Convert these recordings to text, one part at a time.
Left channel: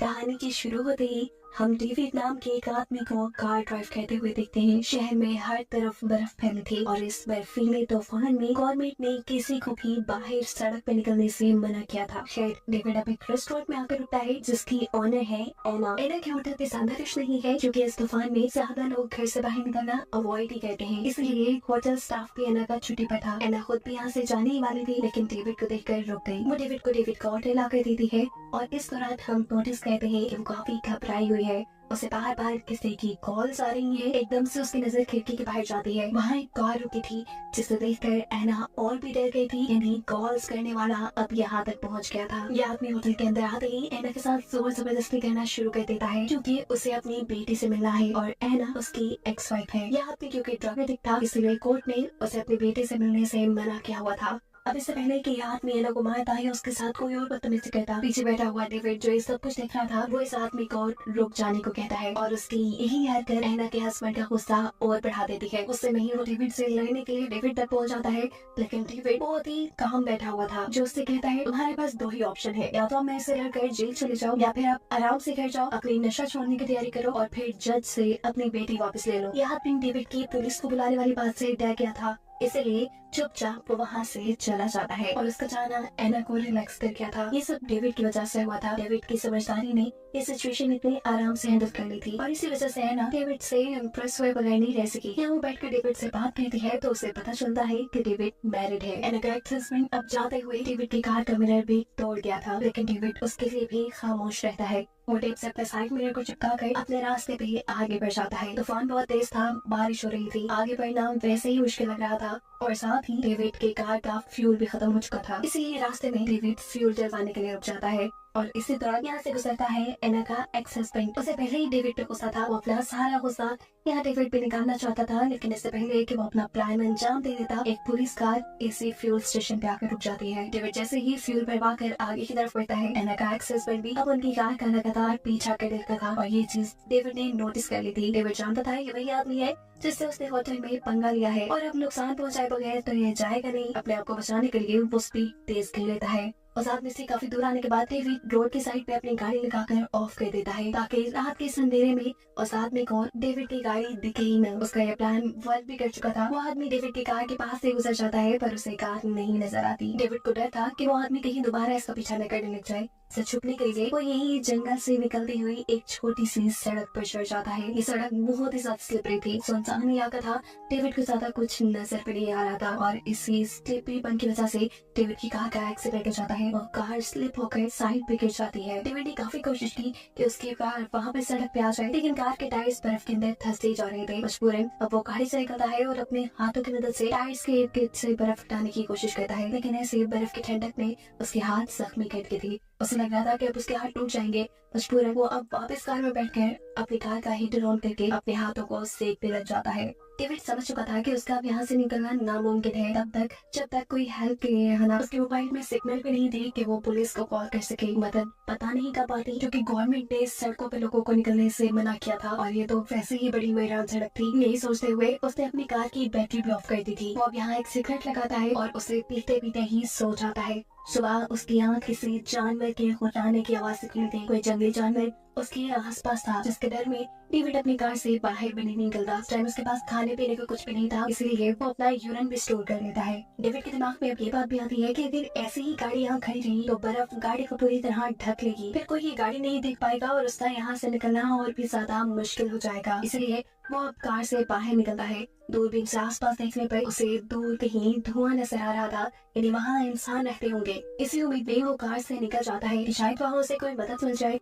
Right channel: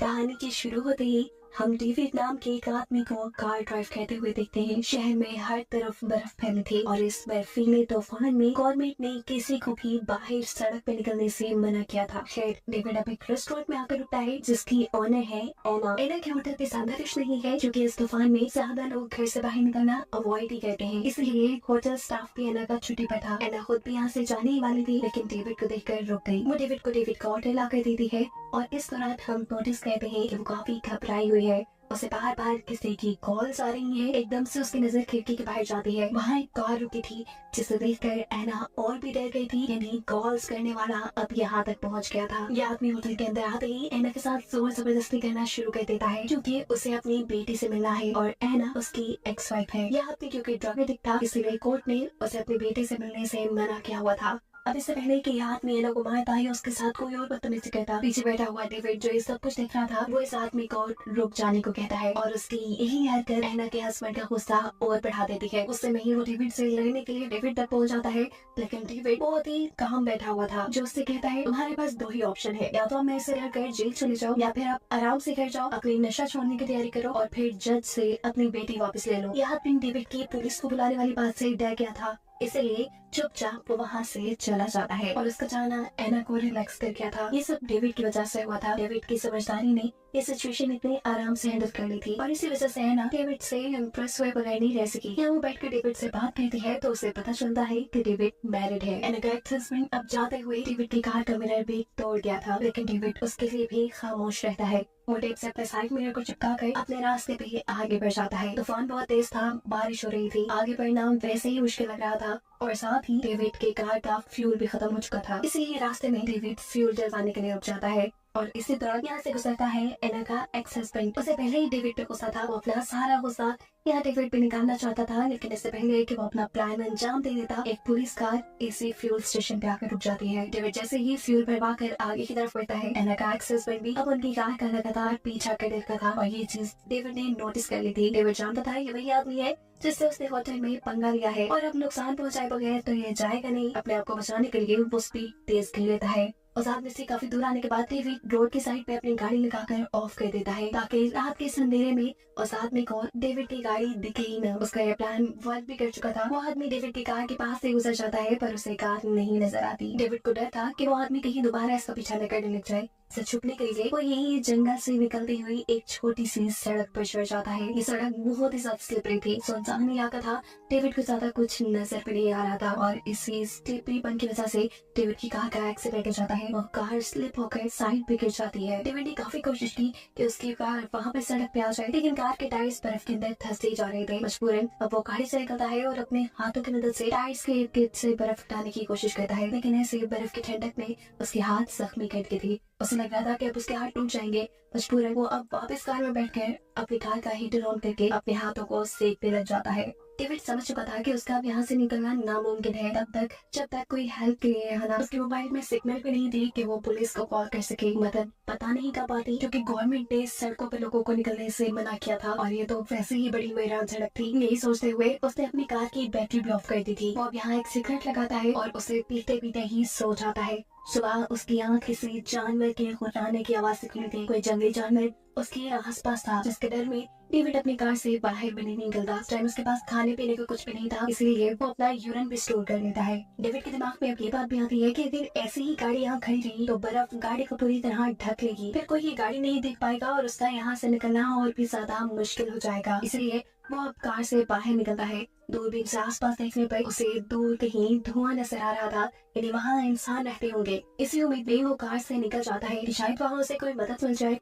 कहानी के शुरू होते ही हम डेविड नाम के एक आदमी को कार ड्राइव करते हुए देखते हैं। शहर में हर तरफ बर्फ फैली थी और इस बर्फीले तूफान में गवर्नमेंट ने किसी को भी बाहर सड़क पे निकलने से मना किया था। खैर डेविड अब एक रेस्टोरेंट में आकर रुकता है जिसकी ऑनर है एना। एना के होटल पे ज्यादा रश नहीं है क्योंकि इस तूफान में ज्यादा लोग घर से बाहर निकलना अवॉइड ही करते हैं, इसलिए होटल स्टाफ भी एना का छुट्टी पर था। एना खुद भी यहाँ से जाने ही वाली थी लेकिन डेविड को देखकर रुक गई। वो डेविड का ऑर्डर ला कर देती है और इस दौरान हम नोटिस करते हैं कि वो काफी घबराई हुई है। उसे बाहर बाहर किसी की कॉल्स आ रही हैं। एकदम से उसकी नजर खिड़की के बाहर जाती है। वहाँ एक कार रुकी थी जिसे देखकर एना और भी डर गई थी। यानी कॉल्स करने वाला अब यहाँ तक पहुँच गया था। यह आदमी होटल के अंदर आते ही एना के साथ जोर जबरदस्ती करना शुरू कर देता है क्योंकि उसे अपनी बेटी से मिलना है और एना उसकी एक्स वाइफ है। यह आदमी क्योंकि ड्रग एडिक्ट था इसलिए कोर्ट ने उसे अपनी बेटी से मिलने से मना किया हुआ था। अब इससे पहले कि यह आदमी एना को मारता है उसके साथ कोई और बदतमीजी करता, पीछे बैठा हुआ डेविड जो ये सब कुछ देख रहा था वो इस आदमी को रुक जाने को कहता है और उसकी यही हरकत एना के हस्बैंड का गुस्सा और बढ़ा देती है। उससे नहीं वो डेविड से लड़ने के लिए डेविड तक पहुंच जाता है लेकिन डेविड बहुत ही काम बैठा हुआ था जो उससे कहता है तुम्हारे पास दो ही ऑप्शन है, या तो आप मेरे से लड़कर जेल चले जाओ या फिर आप आराम से घर जाओ, अपनी नशा छोड़ने की तैयारी करो और फिर जज से अपनी बेटी वापस ले लो। यह आदमी डेविड की पुलिस को बुलाने वाली बात से डर गया था इसलिए चुपचाप वो वहाँ से चला जाता है और उसका जाना एना को रिलैक्स कर गया था। ये सब डेविड की वजह से हुआ था। डेविड की समझदारी ने ये सिचुएशन इतने आराम से हैंडल कर ली थी और इसी वजह से एना डेविड से इम्प्रेस हुए बगैर नहीं रह सकी। यहाँ वो बैठकर डेविड से बात करती है तो उसे पता चलता है कि डेविड मैरिड है। एना का एक्स हस्बैंड अब जाते हुए डेविड की कार का मिरर भी तोड़ गया था लेकिन डेविड उसके लिए भी खामोश रहता है। वो टेप से अपने साइड मिरर को चिपका कर अपने रास्ते पे आगे बढ़ जाता है। तूफान बहुत तेज था, बारिश हो रही थी, आगे बढ़ना वैसे ही मुश्किल लग रहा था और साथ ही डेविड के कार का फ्यूल भी खत्म हो चुका था, इसलिए रास्ते में डेविड फ्यूल डलवाने के लिए रुक जाता है और इसी दौरान यहाँ से गुजरता है एना का एक्स हस्बैंड। उसे पहले ही डेविड पे गुस्सा था, वो अपना सारा गुस्सा यहाँ डेविड पे निकालना चाहता था लेकिन इससे पहले कि वो अपना प्लान अंजाम दे देता एक पुलिस कार इसी फ्यूल स्टेशन पे आकर रुक जाती है। डेविड जैसे ही फ्यूल भरवा कर आगे की तरफ बढ़ता है एना का एक्स हस्बैंड भी अब उनकी कार का लगातार पीछा कर देखता था और ये चीज डेविड ने नोटिस कर ली थी। डेविड जानता था ये वही आदमी है जिससे उसने होटल में पंगा लिया है और अब नुकसान पहुंचाए बगैर तो ये जाएगा नहीं। अपने आप को बचाने के लिए वो स्पीड तेज कर लेता है। उस आदमी से काफी दूर आने के बाद डेविड रोड की साइड पे अपनी गाड़ी लगाकर ऑफ कर देता है ताकि रात के अंधेरे में उस आदमी को डेविड की गाड़ी दिखे ही न। उसका यह प्लान वर्क भी कर चुका था। वो आदमी डेविड की कार के पास से गुजर जाता है पर उसे कार नहीं नजर आती। डेविड को डर था कि वो आदमी कहीं दोबारा इसका पीछा न करने लग जाए। से छुपने के लिए वो यही जंगल से निकलती हुई एक छोटी सी सड़क पर चढ़ जाता है। ये सड़क बहुत ही ज्यादा स्लिपरी थी, सुनसान इलाका था, डेविड को ज्यादा कुछ नजर पे नहीं आ रहा था और इसी स्लिपरीपन की वजह से डेविड की कार का एक्सीडेंट हो जाता है। वो कार स्लिप होकर साइड पे गिर जाती है। डेविड ने काफी कोशिश की कि उसकी कार वहाँ पे सड़क पे आ जाए लेकिन कार के टायर्स बर्फ के अंदर धंसते जा रहे थे। मजबूरन अब वो गाड़ी से निकलता है और अपने हाथों की मदद से टायर्स के इर्द गिर्द से बर्फ हटाने की कोशिश करता है लेकिन ऐसे बर्फ की ठंडक में उसके हाथ जख्मी कर गए थे। उसे लग रहा था कि अब उसके हाथ टूट जाएंगे। मजबूरन वो अब वापस कार में बैठकर अपनी कार का हीटर ऑन करके अपने हाथों को सेकने लग जाता है। डेविड समझ चुका था कि उसका अब यहाँ से निकलना नामुमकिन है तब तक जब तक कोई हेल्प के लिए है ना उसके मोबाइल में सिग्नल भी नहीं थी कि वो पुलिस को कॉल कर सके। मतलब पता नहीं कब आती क्योंकि गवर्नमेंट ने सड़कों पे लोगों को निकलने से मना किया था और ये तो वैसे ही बड़ी वीरान सड़क थी। यही सोचते हुए उसने अपनी कार की बैटरी भी ऑफ कर दी थी। वो अब यहाँ एक सिगरेट लगाता है और उसे पीते पीते ही सो जाता है। सुबह उसकी आँख किसी जानवर के गुर्राने की आवाज से खुली थी। कोई जंगली जानवर उसके आसपास था जिसके डर में डेविड अपनी कार से बाहर भी नहीं निकलता। इस टाइम उसके पास खाने पीने को कुछ भी नहीं था इसलिए वो अपना यूरिन भी स्टोर कर लेता है। डेविड के दिमाग में अब ये बात भी आती है कि अगर ऐसी ही गाड़ी यहाँ खड़ी रही तो बर्फ गाड़ी को पूरी तरह ढक लेगी, फिर कोई ये गाड़ी नहीं देख पाएगा और उसका यहाँ से निकलना और भी ज्यादा मुश्किल हो जाएगा। इसलिए वो अब कार से बाहर निकलता है। दूरबीन से आसपास देखने पर उसे दूर कहीं धुआं नजर आ रहा था, यानी वहाँ इंसान रहते होंगे। इसी उम्मीद में वो कार से निकल जाता है कि शायद वहाँ उसे कोई मदद मिल जाए।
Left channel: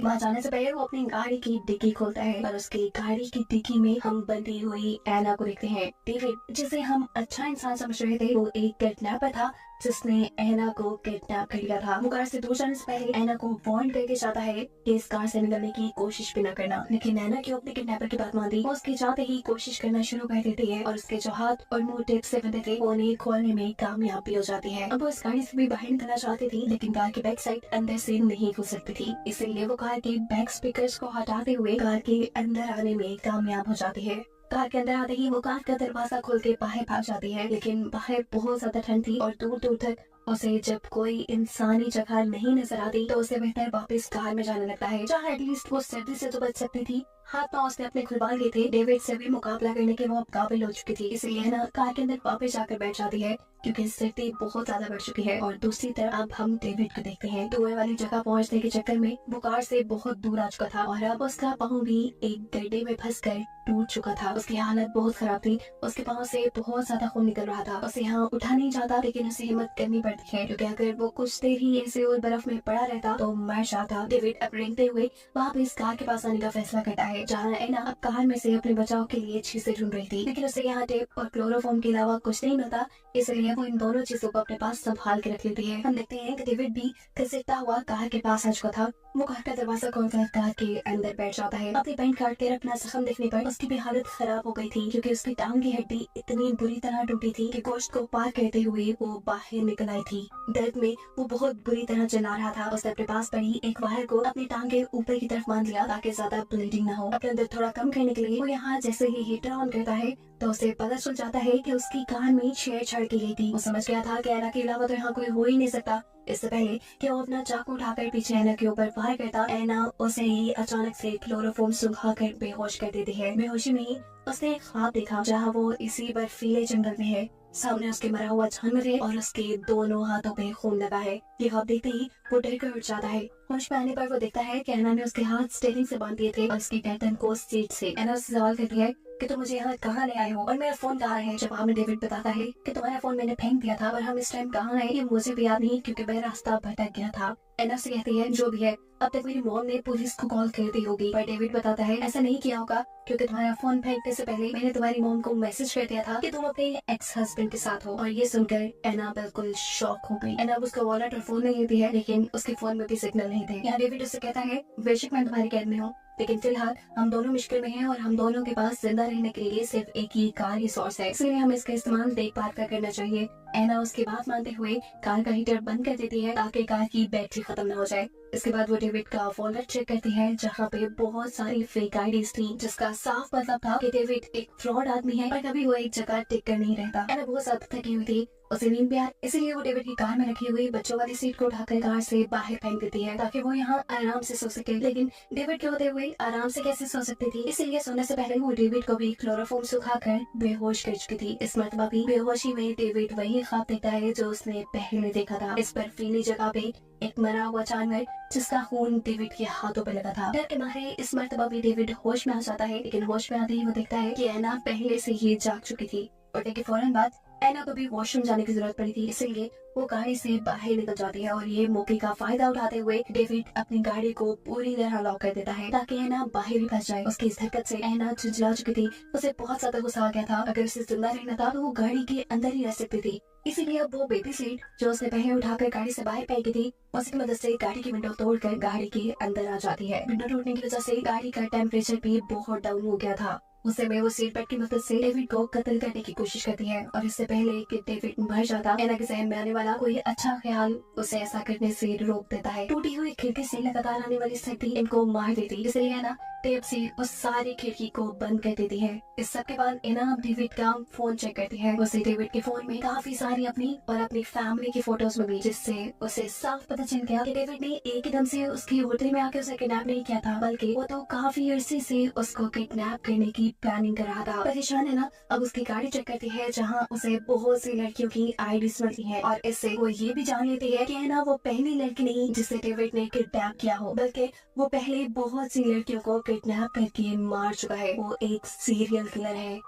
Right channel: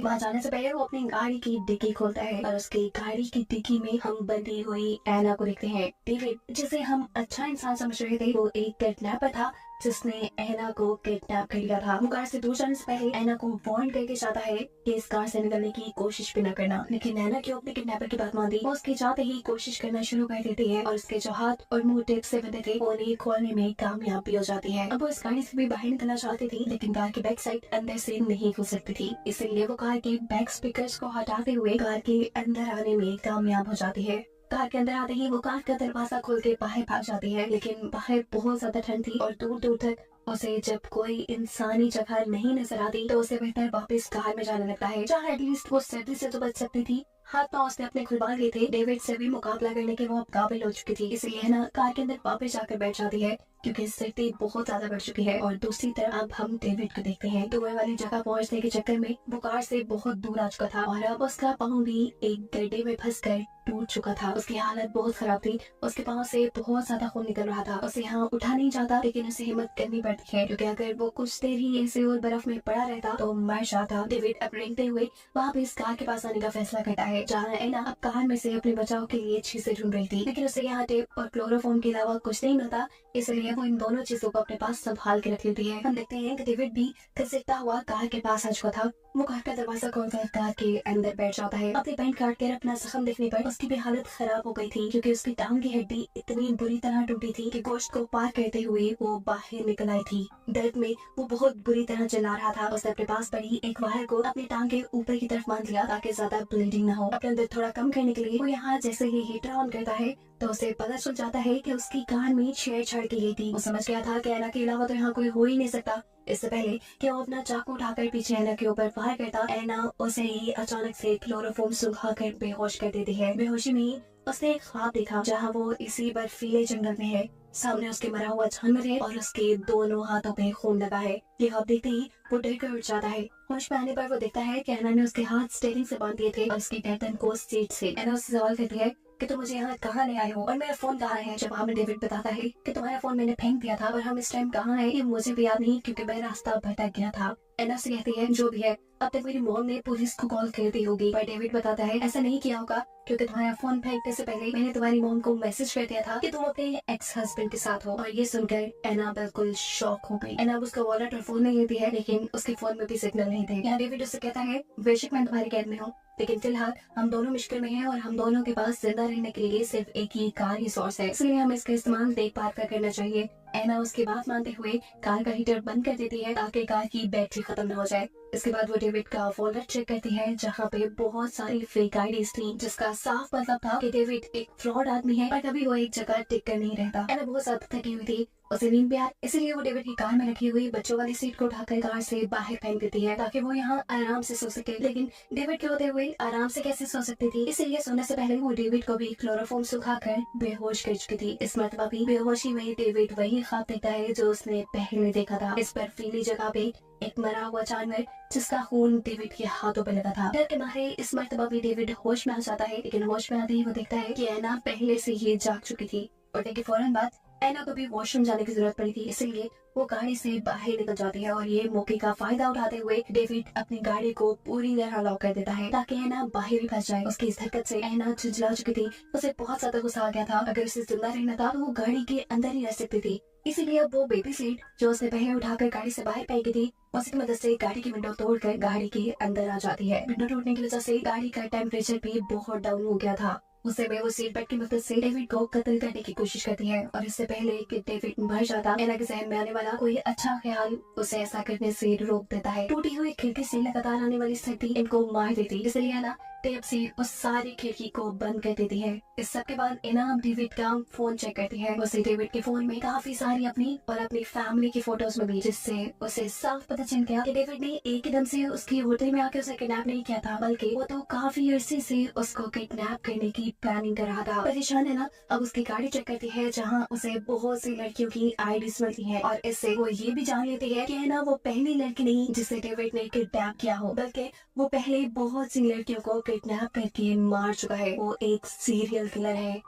वहाँ जाने से पहले वो अपनी गाड़ी की डिग्गी खोलता है और उसकी गाड़ी की डिग्गी में हम बंधी हुई एना को देखते हैं। डेविड जिसे हम अच्छा इंसान समझ रहे थे वो एक किडनैपर था जिसने एना को किडनैप कर लिया था। वो कार से दूर जाने से पहले एना को वार्न करके चाहता है कि इस कार से निकलने की कोशिश भी न करना, लेकिन एना क्यों अपने किडनैपर की बात मानती। वो उसके चाहते ही कोशिश करना शुरू कर देती है और उसके जो हाथ और मुंह टेप से बंधे थे वो उन्हें खोलने में कामयाब भी हो जाती है। अब वो इस गाड़ी से भी बाहर निकलना चाहती थी लेकिन कार की बैक साइड अंदर से नहीं खुल सकती थी, इसलिए वो कार के बैक स्पीकर्स को हटाते हुए कार के अंदर आने में कामयाब हो जाती है। कार के अंदर आते ही वो कार का दरवाजा खोल के बाहर भाग जाती है लेकिन बाहर बहुत ज्यादा ठंड थी और दूर दूर तक उसे जब कोई इंसानी जगह नहीं नजर आती तो उसे बेहतर वापस कार में जाने लगता है, जहाँ एटलीस्ट वो सर्दी से तो बच सकती थी। हाथ पांव उसने अपने खुलवा लिए थे, डेविड से भी मुकाबला करने के वो अब काबिल हो चुकी थी, इसलिए ना कार के अंदर वापस जाकर बैठ जाती है क्योंकि सर्दी बहुत ज्यादा बढ़ चुकी है। और दूसरी तरफ अब हम डेविड को देखते हैं। धुएं वाली जगह पहुंचने के चक्कर में वो कार से बहुत दूर आ चुका था और अब उसका पाँव भी एक गड्ढे में फंसकर टूट चुका था। उसकी हालत बहुत खराब थी, उसके पाँव से बहुत ज्यादा खून निकल रहा था। उसे यहाँ उठा नहीं जाता, लेकिन उसे हिम्मत करनी पड़ती है क्योंकि अगर वो कुछ देर ही ऐसे और बर्फ में पड़ा रहता तो मर जाता। डेविड अब रेंगते हुए वहाँ पे इस कार के पास आने का फैसला करता है, जहाँ एना अब कार में से अपने बचाव के लिए चीजें ढूंढ रही थी, लेकिन उसे यहाँ टेप और क्लोरोफॉर्म के अलावा कुछ नहीं मिलता, इसलिए वो इन दोनों चीजों को अपने पास संभाल के रख लेती है। हम देखते हैं कि डेविड भी घसीटता हुआ कार के पास आ चुका था। वो कार का दरवाजा खोलकर कार के अंदर बैठ जाता है। अपनी पैंट काट कर अपना जख्म देखने पर उसकी भी हालत खराब हो गई थी क्योंकि उसकी टांग की हड्डी इतनी बुरी तरह टूटी थी कि गोश्त को पार करते हुए वो बाहर निकल आई थी। दर्द में वो बहुत बुरी तरह चिल्ला रहा था। उसने अपने पास पड़ी एक वायर को अपनी टांग के ऊपर की तरफ बांध लिया ताकि ज्यादा ब्लीडिंग न हो। अपने दर्द थोड़ा कम करने के लिए वो यहाँ जैसे ही हीटर ऑन करता है तो उसे पता चल जाता है कि उसकी कार में छेड़छाड़ की गई थी। वो समझ गया था कि एना के अलावा तो यहाँ कोई हो ही नहीं सकता। इससे पहले कि वो अपना चाकू उठाकर पीछे एना के ऊपर फायर करता, एना उसे ही अचानक से क्लोरोफॉर्म सुखाकर बेहोश कर देती है। बेहोशी में ही उसने एक ख्वाब देखा जहाँ वो इसी बर्फीले जंगल में है। सामने उसके मरा हुआ जानवर है और उसके दोनों हाथों पे खून लगा है। ये ख्वाब देखते ही वो डर कर उठ जाता है। होश में आने पर वो देखता है कि एना ने उसके हाथ स्टीयरिंग से बांध दिए थे और उसकी गर्दन को सीट से। एना उससे सवाल करती है कि तुम मुझे यहाँ कहाँ ले आए हो और मेरा फोन कहाँ है। जब हमें डेविड बताता है कि तुम्हारा फोन मैंने फेंक दिया था और हम इस टाइम कहाँ हैं ये मुझे भी याद नहीं क्योंकि मैं रास्ता भटक गया था। एना से कहती है जो भी है अब तक मेरी मॉम ने पुलिस को कॉल कर दी होगी, पर डेविड बताता है ऐसा नहीं किया होगा क्योंकि तुम्हारा फोन फेंकने से पहले मैंने तुम्हारी मॉम को मैसेज कर दिया था कि तुम अपने एक्स हस्बैंड के साथ हो। और ये सुनकर एना बिल्कुल शॉक हो गई। एना उसका वॉलेट और फोन नहीं लेती है, लेकिन उसके फोन में भी सिग्नल नहीं थे। यहाँ डेविड उससे कहता है बेशक मैं तुम्हारी कैद में हूँ, लेकिन फिलहाल हम दोनों मुश्किल में हैं और हम दोनों के पास जिंदा रहने के लिए सिर्फ एक ही कार ही सोर्स है, इसलिए हमें इसका इस्तेमाल देखभाल कर करना चाहिए। एना उसकी बात मानते हुए कार का हीटर बंद कर देती है ताकि कार की बैटरी खत्म न हो जाए। इसके बाद वो डेविड का वॉलेट चेक करती है जहाँ पे बहुत सारी फेक आईडीज थी, जिसका साफ मतलब था कि डेविड एक फ्रॉड आदमी है और कभी वो एक जगह टिक कर नहीं रहता। एना बहुत ज्यादा थकी हुई थी, उसे नींद भी आ, इसीलिए वो डेविड की कार में रखी हुई बच्चों वाली सीट को उठाकर कार से बाहर फेंक देती है ताकि वो यहाँ आराम से सो सके। लेकिन डेविड के होते हुए आराम से कैसे सो सकती थी, इसलिए सोने से पहले वो डेविड को भी क्लोरोफॉर्म सुखाकर बेहोश कर चुकी थी। इस मरतबा भी बेहोशी में डेविड वही ख्वाब देखता है जो उसने पहले देखा था। इस बर्फीली जगह पे एक मरा हुआ जानवर जिसका खून डेविड के हाथों पे लगा था। डर के मारे इस मरतबा भी डेविड होश में आ जाता है, लेकिन होश में आते ही वो देखता है कि एना पहले से ही जाग चुकी थी। उठने के फौरन बाद एना को भी वॉशरूम जाने की जरूरत पड़ी थी, इसलिए वो गाड़ी से बाहर निकल जाती है और ये मौके का फायदा उठाते हुए डेविड अपनी गाड़ी को पूरी तरह लॉक कर देता है ताकि एना बाहर ही फंस जाए। उसकी इस हरकत से एना झुंझला चुकी थी, उसे बहुत ज्यादा गुस्सा आ गया था। अगर उसे जिंदा रहना था तो वो गाड़ी के अंदर ही रह सकती थी, इसीलिए अब वो बेबी सीट जो उसने पहले उठाकर गाड़ी से बाहर फेंकी थी उसकी मदद से गाड़ी की विंडो तोड़कर गाड़ी के अंदर आ जाती है। विंडो टूटने की वजह से गाड़ी का टेम्परेचर भी बहुत डाउन हो गया था। उस समय वो सीट बेल्ट की मदद से डेविड को कत्ल करने की कोशिश करती है और इससे पहले कि डेविड मर जाता, एना के जहन में आने वाला कोई अच्छा ख्याल उसे ऐसा करने से रोक देता है। टूटी हुई खिड़की से लगातार आने वाली सर्दी इनको मार देती, इसलिए एना टेप से उस सारी खिड़की को बंद कर देती है। इस सब के बाद एना डेविड का फोन चेक करती है। उसे डेविड के फोन में काफी सारी अपनी और अपनी फैमिली की फोटोज मिली, जिससे उसे साफ पता चल गया कि डेविड ने एक एकदम से उसकी होटल में आके उसे किडनैप नहीं किया था, बल्कि वो तो काफी अरसे से उसको किडनैप करने की प्लानिंग कर रहा था। परेशान है ना, अब उसकी गाड़ी चेक करती है जहाँ उसे बहुत सी लड़कियों की आईडीज मिलती है और इससे वो ये भी जान लेती है कि है ना वो पहली लड़की नहीं जिसे डेविड ने किडनैप किया हो, बल्कि वो पहले बहुत सी लड़कियों को किडनैप करके मार चुका है। वो एक सीरियल किलर है।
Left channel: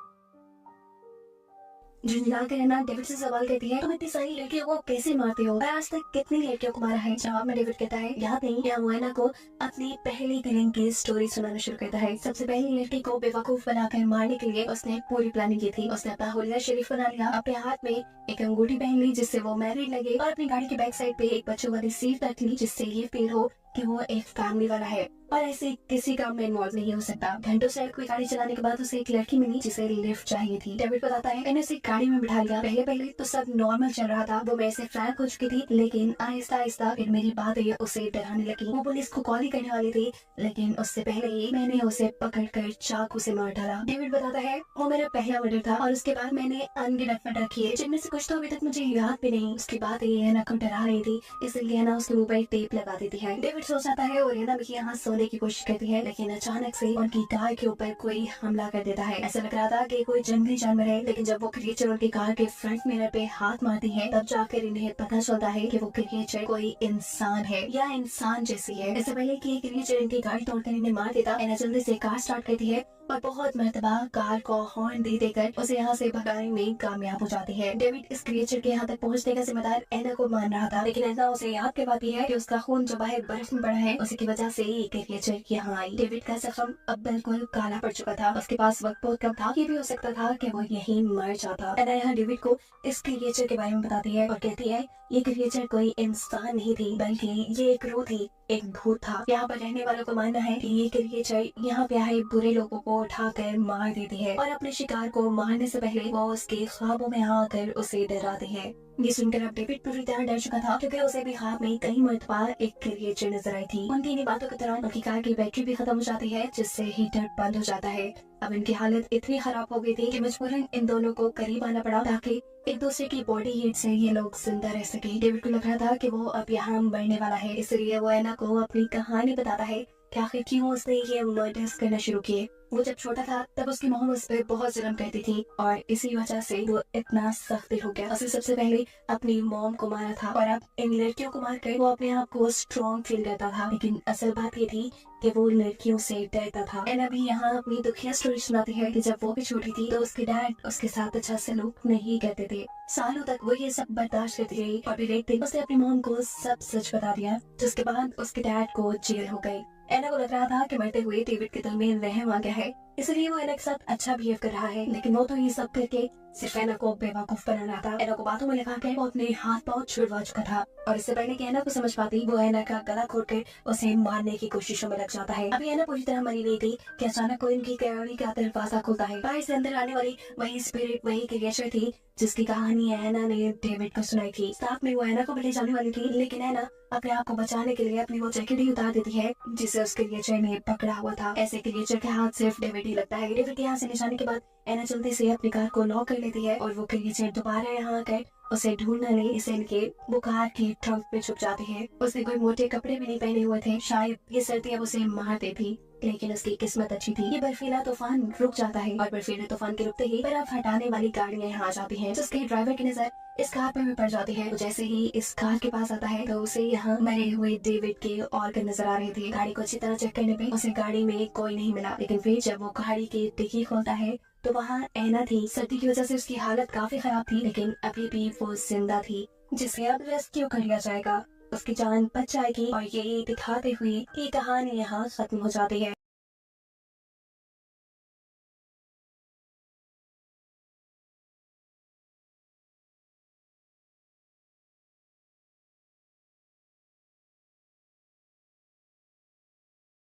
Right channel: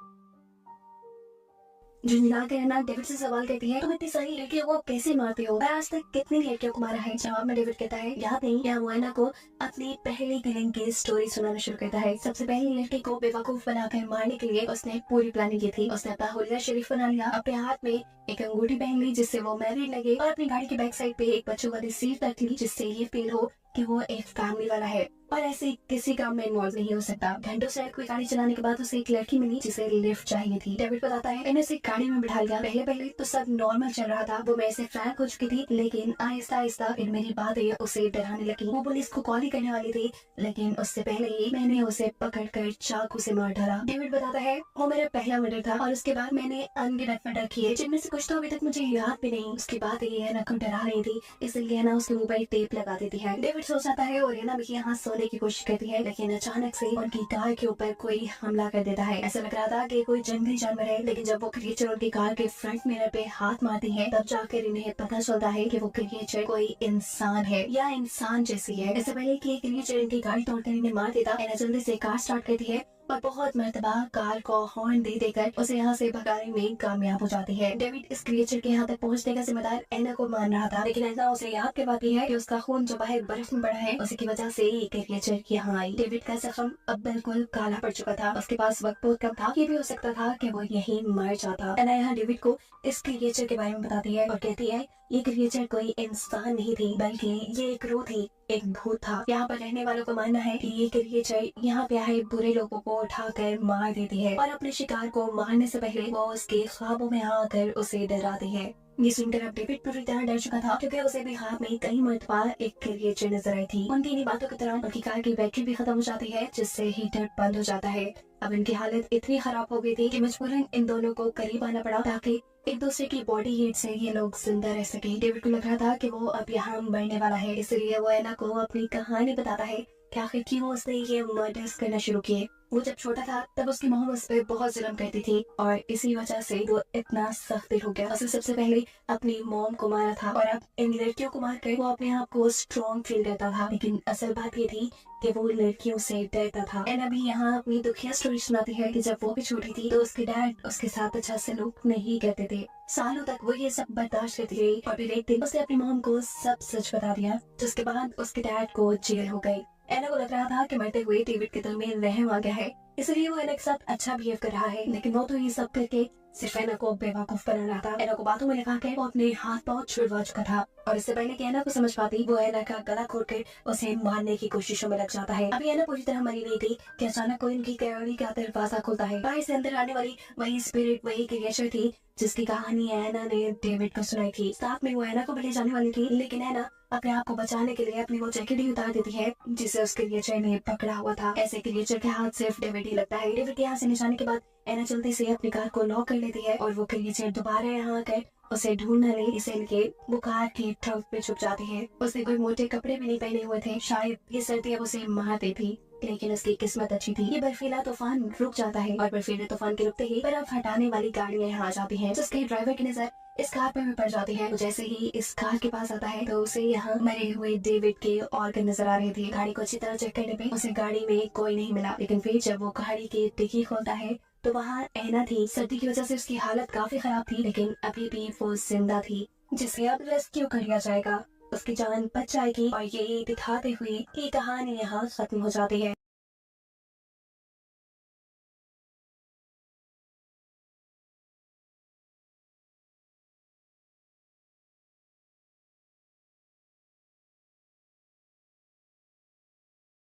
झुंझला कर एना डेविड से सवाल करती है तुम इतनी सारी लड़कियों को कैसे मारते हो और आज तक कितनी लड़कियों को मारा है। जवाब में डेविड कहता है याद नहीं। या वो एना को अपनी पहली किलिंग की स्टोरी सुनाना शुरू करता है। सबसे पहली लड़की को बेवकूफ बनाकर मारने के लिए उसने एक पूरी प्लानिंग की थी। उसने अपना हुलिया शरीफ बना लिया, अपने हाथ में एक अंगूठी पहन ली जिससे वो मैरिड लगे और अपनी गाड़ी की बैक साइड पे एक बच्चों वाली सीट रख ली जिससे ये फील हो कि वो एक फैमिली वाला है। और ऐसे किसी काम में इन्वॉल्व नहीं हो सकता। घंटों से कोई गाड़ी चलाने के बाद उसे एक लड़की मिली जिसे लिफ्ट चाहिए थी। डेविड बताता है मैंने उसे गाड़ी में बिठा लिया। पहले पहले तो सब नॉर्मल चल रहा था, वो मेरे से फ्रैंक हो चुकी थी, लेकिन आहिस्ता आहिस्ता फिर मेरी बातें उसे डराने लगी। वो पुलिस को कॉल ही करने वाली थी, लेकिन उससे पहले ही मैंने उसे पकड़कर चाकू से मार डाला। डेविड बताता है वो मेरा पहला मर्डर था और उसके बाद मैंने अनगिनत मर्डर किए, जिनमें से कुछ तो अभी तक मुझे याद भी नहीं। उसकी बातें एना को डरा रही थी, इसलिए एना उसके मुंह पर टेप लगा देती है। डेविड सो जाता है और एना भी यहाँ सोने की कोशिश करती है, लेकिन अचानक से उनकी कार के ऊपर कोई हमला कर देता है। ऐसा लग रहा था कि कोई जंगली जानवर है, लेकिन जब वो क्रिएचर उनकी कार के फ्रंट मिरर पे हाथ मारती है, तब जाकर इन्हें पता चलता है कि वो क्रिएचर कोई इंसान है या इंसान जैसी है। इससे पहले कि क्रिएचर इनकी गाड़ी तोड़कर इन्हें मार देता, एना जल्दी से कार स्टार्ट करती है और बहुत मर्तबा कार को हॉर्न दे देकर उसे यहाँ से भगाने में कामयाब हो जाती है। डेविड इस क्रिएचर के यहाँ तक पहुँचने का जिम्मेदार एना को मान रहा था, लेकिन एना उसे याद करवाती है कि उसका खून जो बाहर बर्फ में पड़ा है, उसी की वजह से ये क्रिएचर यहाँ आई। डेविड का जख्म अब बिल्कुल काला पड़ चुका था, उसके पास वक्त बहुत कम था। ये भी हो सकता था कि वो यहीं मर जाता। एना यहाँ डेविड को इस क्रिएचर के बारे में बताती है और कहती है ये क्रिएचर कोई इंसान नहीं थी, बल्कि ये एक रूह थी, एक भूत था। यहाँ पर रहने वालों का मानना है कि ये क्रिएचर यहाँ पे आए बुरे लोगों को उठाकर मार देती है और अपने शिकार को मारने से पहले वो उसके ख्वाबों में आकर उसे डराती है। ये सुनकर अब डेविड पूरी तरह डर चुका था, क्योंकि उसे भी ख्वाब में कई मरतबा एक क्रिएचर नजर आई थी। उनकी इन्हीं बातों के दौरान उनकी कार की बैटरी भी खत्म हो जाती है, जिससे हीटर बंद हो जाता है। अब इनकी हालत इतनी खराब हो गई थी कि मजबूरन इन दोनों को करीब आना पड़ा ताकि एक दूसरे की बॉडी हीट से ये लोग जिंदा रह सके। डेविड को लग रहा था कि वो अब यहाँ मरने वाला है, इसलिए वो एना को अपनी कहानी बताता है कि आखिर क्यों उसने ये मर्डर्स करना शुरू किए। वो जब छोटा था तब उसकी मॉम उस पर बहुत जुल्म करती थी और इसी वजह से वो इतना सख्त दिल हो गया। उसने सबसे पहले अपनी मॉम को मारा था और अब इन लड़कियों को मारकर वो अपने आप को स्ट्रॉन्ग फील करता था, लेकिन असल बात ये थी कि वो लड़कियों से डरता था। एना भी यहाँ अपनी दुखिया स्टोरी सुनाती है कि जब वो भी छोटी थी तो उसके डैड उसके साथ अच्छा सलूक नहीं करते थे। सालों तक वो ये सब बर्दाश्त करती रही और फिर एक दिन उसने अपनी मॉम को सब सच बता दिया, जिसके बाद उसके डैड को जेल हो गई। एना को लग रहा था कि मरते हुए डेविड के दिल में रहम आ गया है, इसलिए वो एना के साथ अच्छा बिहेव कर रहा है, लेकिन वो तो ये सब करके सिर्फ एना को बेवकूफ बनाना था। एना को बातों में लगा कर वो अपने हाथ पांव छुड़वा चुका था और इससे पहले कि एना को समझ पाती, वो एना का गला घोटकर उसे मारने की कोशिशों में लग जाता है। अभी एना पूरी तरह मरी नहीं थी कि अचानक कोई उनकी गाड़ी का दरवाजा खुलता है। बाहर से अंदर आने वाली वही स्पिरिट, वही क्रिएचर थी जिसकी कहानी एना ने डेविड को सुनाई थी। साथ में वो एना को भी ले जाने वाली थी, लेकिन एना अपने आप को बचाने के लिए अपनी वो जैकेट ही उतार देती है जिसे उस क्रिएचर ने पकड़ा हुआ था। ऐसे क्रिएचर के हाथ सिर्फ डेविड ही लगता है। डेविड के यहाँ से निशाने के बाद एना जल्दी से अपनी कार को लॉक कर लेती है और वो क्रिएचर दोबारा यहाँ आकर उसे ढूंढ न ले इसलिए वो कार के ट्रंक में छुप जाती है। उसने कोई मोटे कपड़े भी नहीं पहने हुए थे, शायद ये सर्दी अब उसे मार देती, लेकिन उसकी किस्मत अच्छी थी। ये बर्फीला तूफान रुक जाता है और बर्फीले तूफान के रुकते ही बर्फ हटाने वाली गाड़ियां यहाँ आ जाती हैं, जिसके ड्राइवर की नजर इस कार पर भी पड़ जाती है। तो जैसे ही इस कार के पास आता है तो उसे यहाँ मरे हुए डेविड के ऑर्गन नजर आ रहे थे। गाड़ी को अच्छी तरह चेक करने पे उसे गाड़ी में कोई नहीं मिला, लेकिन फिर जब वो गाड़ी की डिक्की खोलता है तो वहाँ एना थी। सर्दी की वजह से उसकी हालत काफी खराब थी, लेकिन अभी भी वो जिंदा थी, जिसे अब रेस्क्यू कर लिया जाएगा। उसकी जान बच जाएगी और ये दिखाते हुए ये कहानी यहाँ खत्म हो जाती है।